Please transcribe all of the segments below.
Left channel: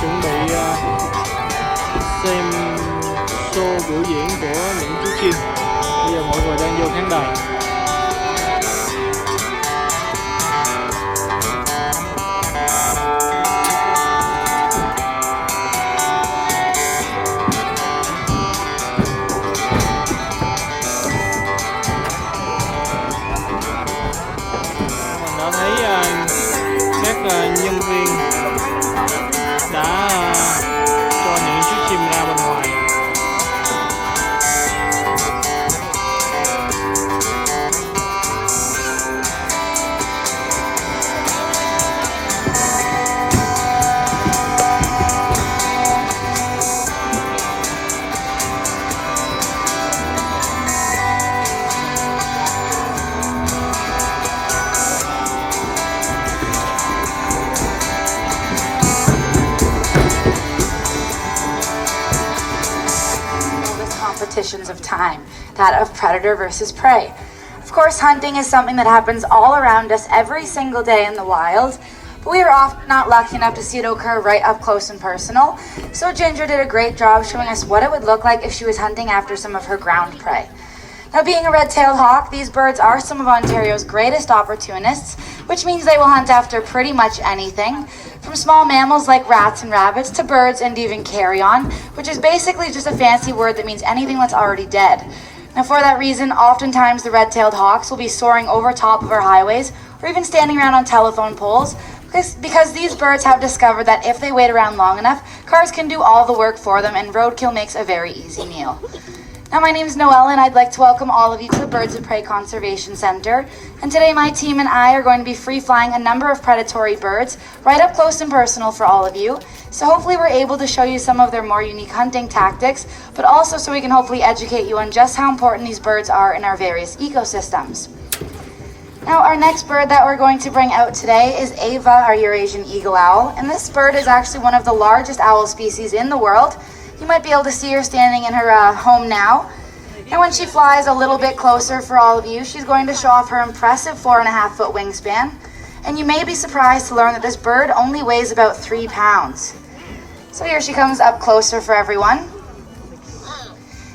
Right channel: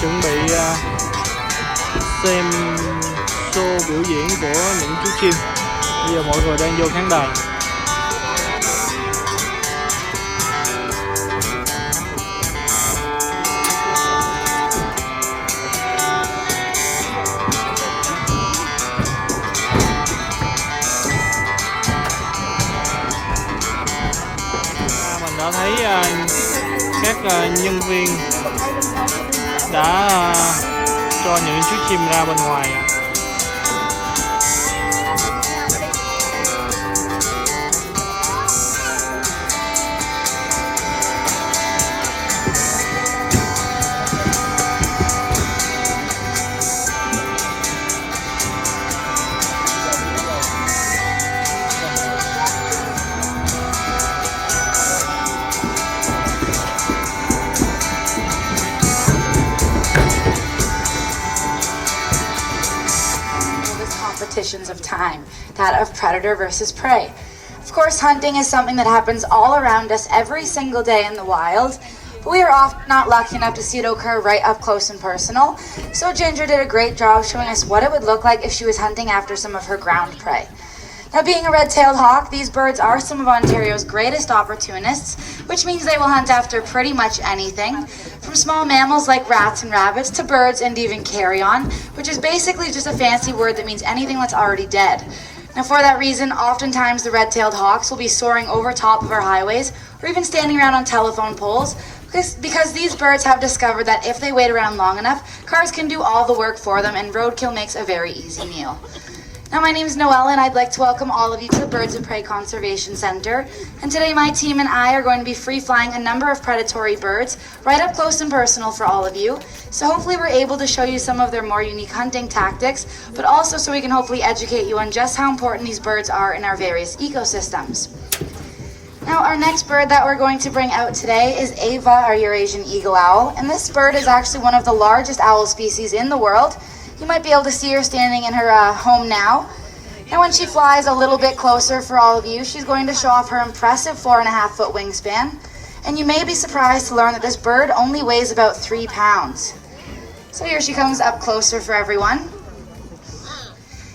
chuẩn bị xem show biểu diễn của những chú chim. Bây giờ mọi người đang vô khán đài. Mình đã thấy các nhân viên đã cho những chú chim ra bên ngoài. Competitions of time, that of predator versus prey. Of course, hunting is something that happens all around us every single day in the wild, but we are often not lucky enough to see it occur right up close and personal. So Ginger did a great job showing us what it would look like if she was hunting after some of her ground prey. Now, being a red-tailed hawk, these birds are some of Ontario's greatest opportunists, which means they will hunt after pretty much anything, from small mammals like rats and rabbits to birds and even carrion, which is basically just a fancy word that means anything that's already dead. Now, for that reason, oftentimes the red-tailed hawks will be soaring over top of our highways or even standing around on telephone poles, because these birds have discovered that if they wait around long enough, cars can do all the work for them and roadkill makes a very easy meal. Now, my name is Noelle, and I'd like to welcome all of you to the Birds of Prey Conservation Centre. And today my team and I are going to be free-flying a number of predatory birds right up close and personal for all of you. So hopefully we're able to show you some of their more unique hunting tactics, but also so we can hopefully educate you on just how important these birds are in our various ecosystems. Now, our next bird that we're going to bring out today is Ava, our Eurasian eagle owl. And this bird is actually one of the largest owl species in the world. You might be able to see her standing in her home now. And when she flies a little bit closer for all of you, she's going to show off her impressive 4.5-foot wingspan. And you may be surprised to learn that this bird only weighs about 3 pounds. So here she comes up closer for everyone.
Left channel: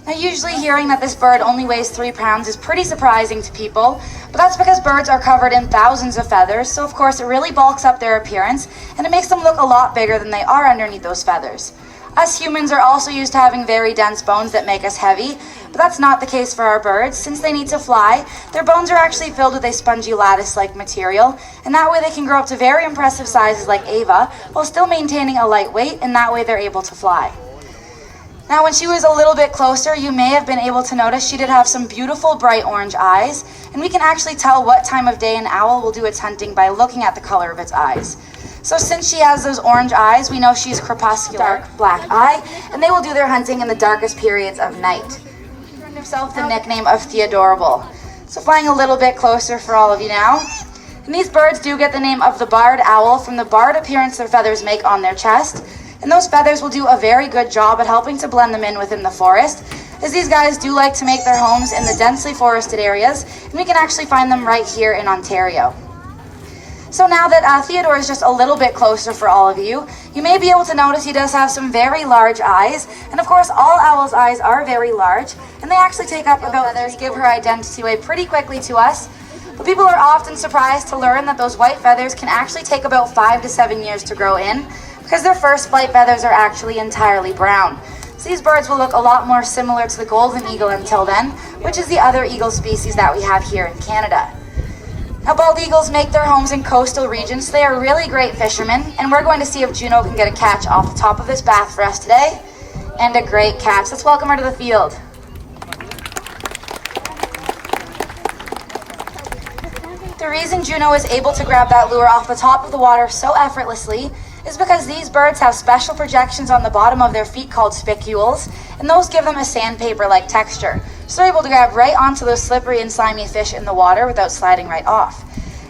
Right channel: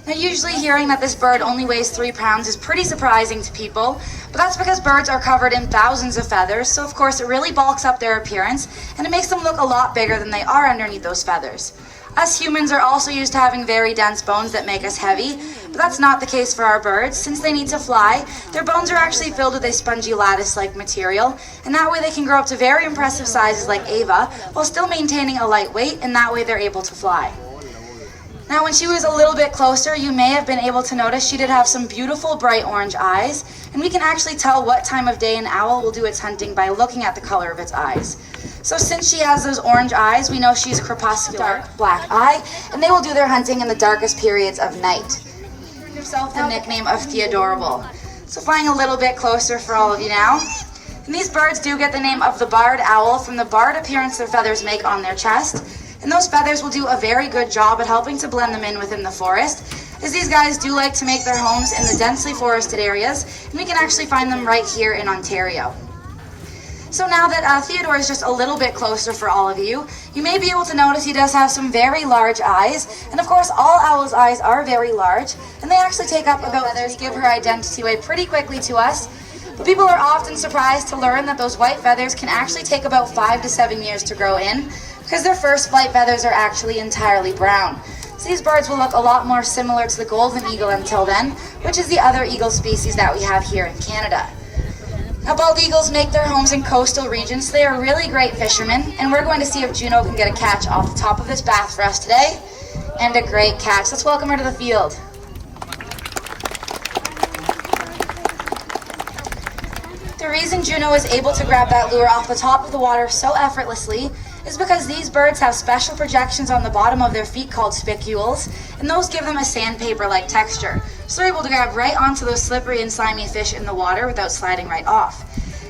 Now, usually hearing that this bird only weighs 3 pounds is pretty surprising to people, but that's because birds are covered in thousands of feathers, so of course it really bulks up their appearance, and it makes them look a lot bigger than they are underneath those feathers. Us humans are also used to having very dense bones that make us heavy, but that's not the case for our birds. Since they need to fly, their bones are actually filled with a spongy lattice-like material, and that way they can grow up to very impressive sizes like Ava, while still maintaining a light weight, and that way they're able to fly. Now, when she was a little bit closer, you may have been able to notice she did have some beautiful bright orange eyes, and we can actually tell what time of day an owl will do its hunting by looking at the color of its eyes. So since she has those orange eyes, we know she's crepuscular, dark black eye, and they will do their hunting in the darkest periods of night. She earned herself the nickname of Theodorable. So flying a little bit closer for all of you now. And these birds do get the name of the barred owl from the barred appearance their feathers make on their chest. And those feathers will do a very good job at helping to blend them in within the forest, as these guys do like to make their homes in the densely forested areas, and we can actually find them right here in Ontario. So now that Theodore is just a little bit closer for all of you, you may be able to notice he does have some very large eyes. And of course, all owls' eyes are very large, and they actually take up about feathers, give her identity away pretty quickly to us. But people are often surprised to learn that those white feathers can actually take about 5 to 7 years to grow in, because their first flight feathers are actually entirely brown. So these birds will look a lot more similar to the golden eagle until then, which is the other eagle species that we have here in Canada. Now, bald eagles make their homes in coastal regions, so they are really great fishermen, and we're going to see if Juno can get a catch off the top of this bath for us today. And a great catch. Let's welcome her to the field. The reason Juno is able to grab that lure off the top of the water so effortlessly is because these birds have special projections on the bottom of their feet called spicules, and those give them a sandpaper-like texture. So they're able to grab right onto those slippery and slimy fish in the water without sliding right off.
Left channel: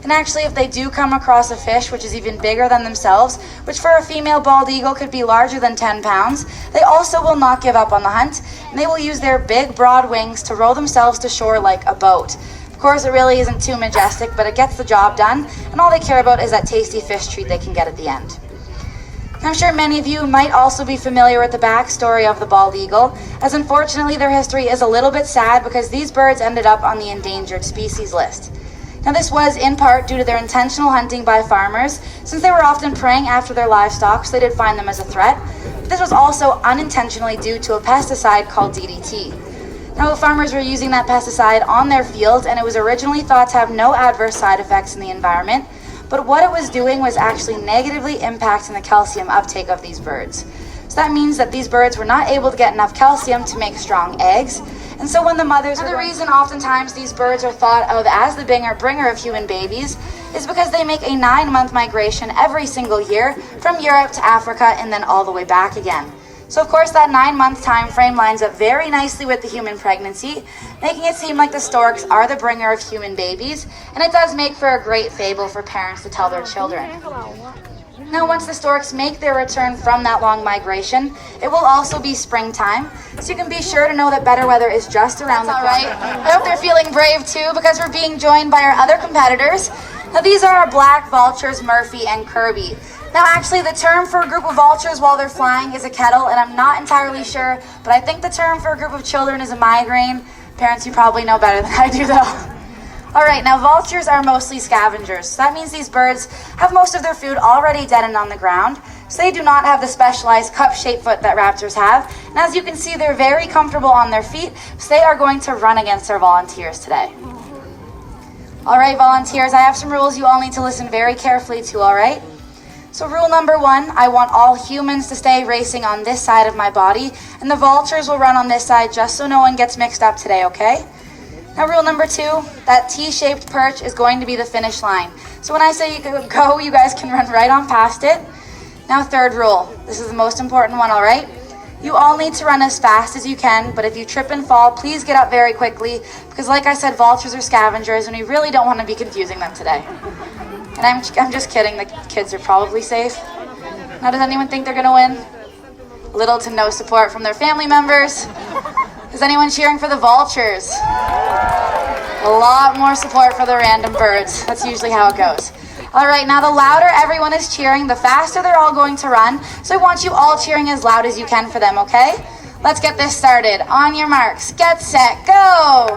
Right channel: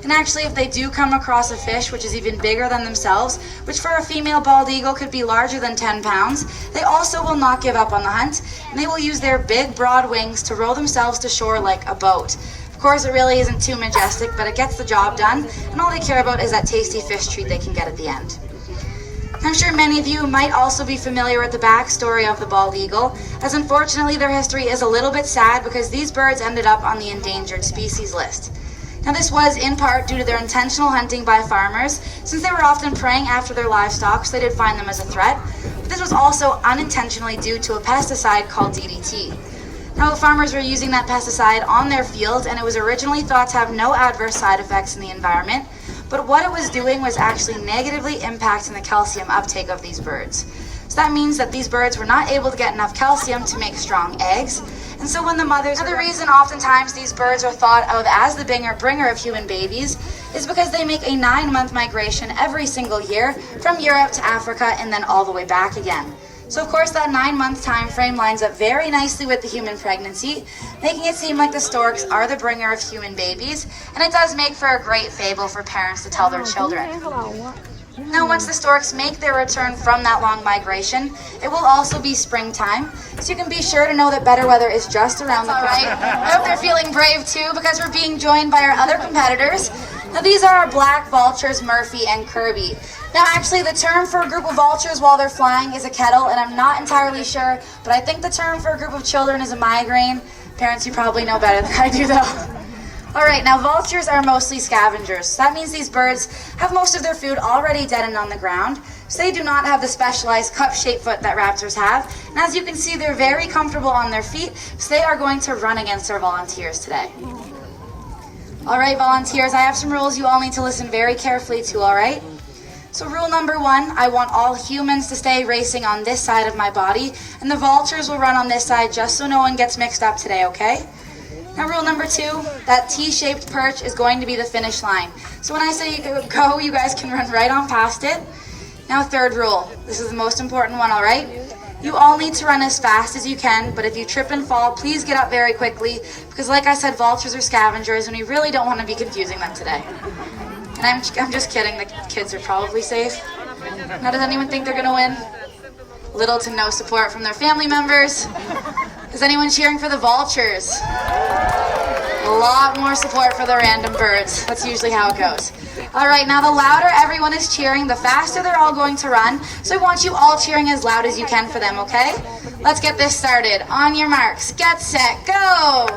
And actually, if they do come across a fish which is even bigger than themselves, which for a female bald eagle could be larger than 10 pounds, they also will not give up on the hunt, and they will use their big, broad wings to row themselves to shore like a boat. Of course, it really isn't too majestic, but it gets the job done, and all they care about is that tasty fish treat they can get at the end. I'm sure many of you might also be familiar with the backstory of the bald eagle, as unfortunately their history is a little bit sad because these birds ended up on the endangered species list. Now this was in part due to their intentional hunting by farmers, since they were often preying after their livestock, so they did find them as a threat. But this was also unintentionally due to a pesticide called DDT. Now the farmers were using that pesticide on their fields, and it was originally thought to have no adverse side effects in the environment, but what it was doing was actually negatively impacting the calcium uptake of these birds. So that means that these birds were not able to get enough calcium to make strong eggs. And so when the mothers... Now the reason oftentimes these birds are thought of as the bringer of human babies is because they make a 9-month migration every single year from Europe to Africa and then all the way back again. So of course that 9-month time frame lines up very nicely with the human pregnancy, making it seem like the storks are the bringer of human babies, and it does make for a great fable for parents to tell their children. Now once the storks make their return from that long migration, it will also be springtime, so you can be sure to know that better weather is just around the corner. I hope they're feeling brave too, because we're being joined by our other competitors. Now these are our black vultures, Murphy and Kirby. Now actually the term for a group of vultures while they're flying is a kettle, and I'm not entirely sure, but I think the term for a group of children is a migraine. Parents, you probably know better than I do though. Alright, now vultures are mostly scavengers, so that means these birds have most of their food already dead and on the ground, so they do not have the specialized cup-shaped foot that raptors have, and as you can see they're very comfortable on their feet, so they are going to run against our volunteers today. Alright volunteers, I have some rules you all need to listen very carefully to, alright? So rule number 1, I want all humans to stay racing on this side of my body, and the vultures will run on this side just so no one gets mixed up today, okay? Now rule number 2, that T-shaped perch is going to be the finish line. So when I say go, you guys can run right on past it. Now third rule, this is the most important one, alright? You all need to run as fast as you can, but if you trip and fall, please get up very quickly, because like I said, vultures are scavengers, and we really don't want to be confusing them today. And I'm just kidding, the kids are probably safe. Now does anyone think they're going to win? Little to no support from their family members. Is anyone cheering for the vultures? A lot more support for the random birds. That's usually how it goes. Alright, now the louder everyone is cheering, the faster they're all going to run. So I want you all cheering as loud as you can for them, okay? Let's get this started. On your marks, get set, go!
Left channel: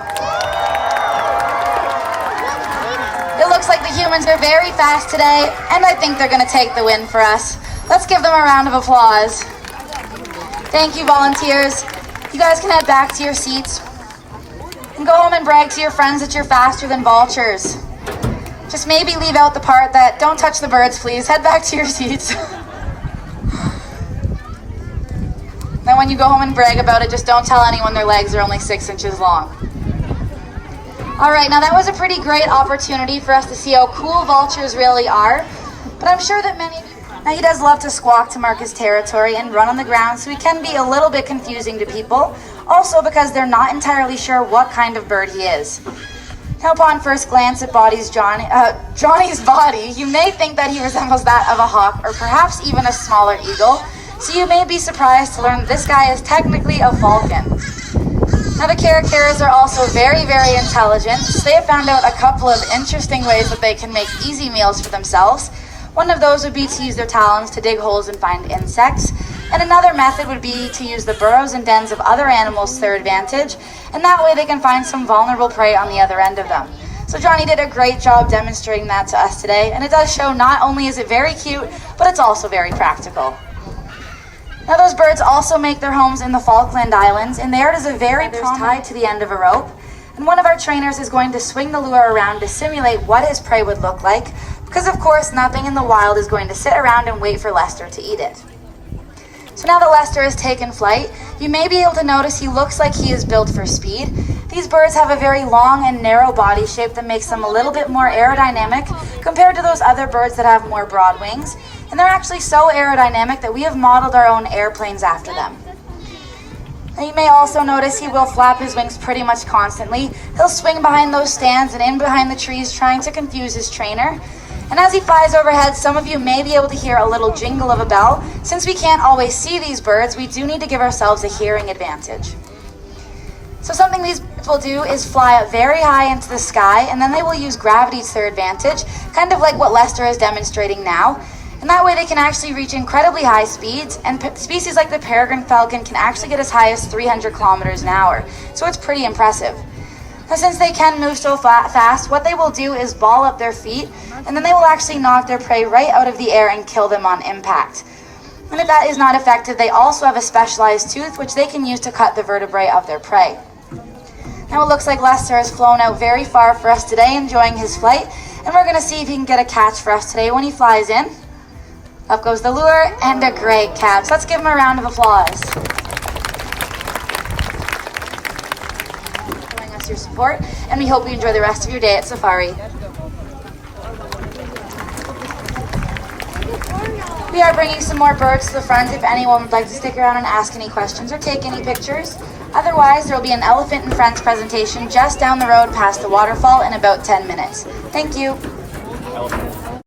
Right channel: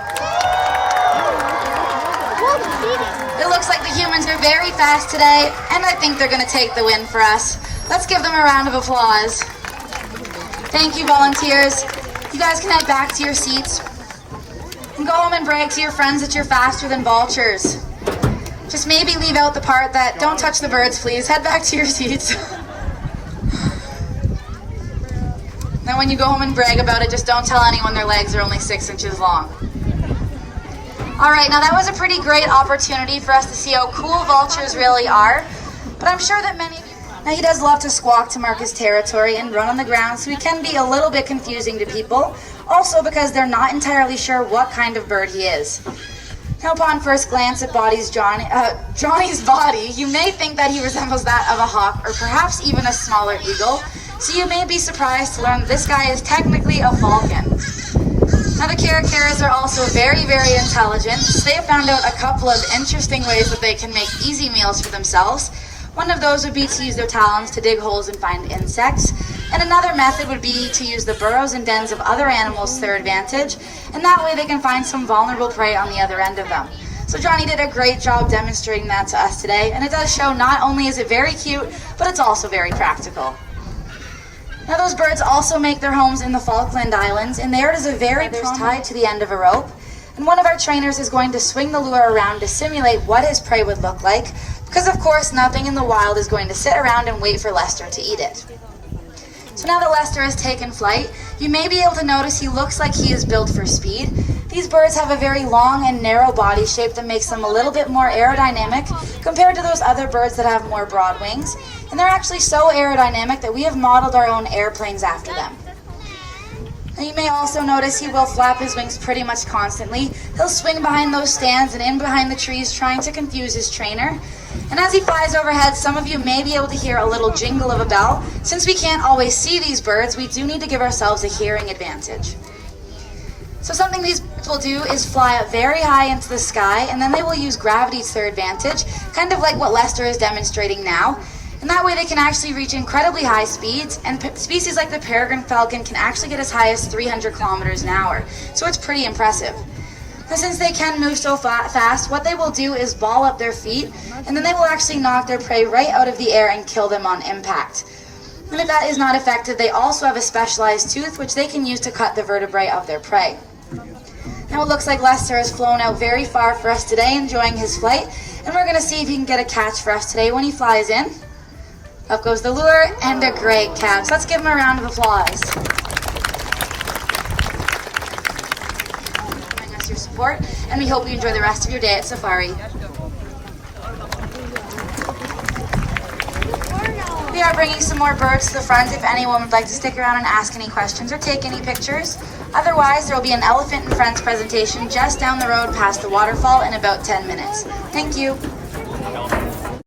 It looks like the humans are very fast today, and I think they're going to take the win for us. Let's give them a round of applause. Thank you, volunteers. You guys can head back to your seats and go home and brag to your friends that you're faster than vultures. Just maybe leave out the part that don't touch the birds, please. Head back to your seats. Now when you go home and brag about it, just don't tell anyone their legs are only 6 inches long. Alright, now that was a pretty great opportunity for us to see how cool vultures really are, but I'm sure that many of you... Now he does love to squawk to mark his territory and run on the ground, so he can be a little bit confusing to people, also because they're not entirely sure what kind of bird he is. Now upon first glance at Johnny's body, you may think that he resembles that of a hawk or perhaps even a smaller eagle, so you may be surprised to learn that this guy is technically a falcon. Now the caracaras are also very, very intelligent, so they have found out a couple of interesting ways that they can make easy meals for themselves. One of those would be to use their talons to dig holes and find insects, and another method would be to use the burrows and dens of other animals to their advantage, and that way they can find some vulnerable prey on the other end of them. So Johnny did a great job demonstrating that to us today, and it does show not only is it very cute, but it's also very practical. Now those birds also make their homes in the Falkland Islands, and there it is a very tied to the end of a rope, and one of our trainers is going to swing the lure around to simulate what his prey would look like, because of course nothing in the wild is going to sit around and wait for Lester to eat it. So now that Lester has taken flight, you may be able to notice he looks like he is built for speed. These birds have a very long and narrow body shape that makes them a little bit more aerodynamic compared to those other birds that have more broad wings. And they're actually so aerodynamic that we have modeled our own airplanes after them. Now you may also notice he will flap his wings pretty much constantly. He'll swing behind those stands and in behind the trees trying to confuse his trainer. And as he flies overhead, some of you may be able to hear a little jingle of a bell. Since we can't always see these birds, we do need to give ourselves a hearing advantage. So something these birds will do is fly up very high into the sky, and then they will use gravity to their advantage, kind of like what Lester is demonstrating now. And that way they can actually reach incredibly high speeds, and species like the peregrine falcon can actually get as high as 300 kilometers an hour. So it's pretty impressive. Now, since they can move so fast, what they will do is ball up their feet, and then they will actually knock their prey right out of the air and kill them on impact. And if that is not effective, they also have a specialized tooth which they can use to cut the vertebrae of their prey. Now it looks like Lester has flown out very far for us today, enjoying his flight, and we're going to see if he can get a catch for us today when he flies in. Up goes the lure, and a great catch. Let's give him a round of applause. Showing us your support, and we hope you enjoy the rest of your day at Safari. We are bringing some more birds to the front if anyone would like to stick around and ask any questions or take any pictures. Otherwise, there will be an Elephant and Friends presentation just down the road past the waterfall in about 10 minutes. Thank you.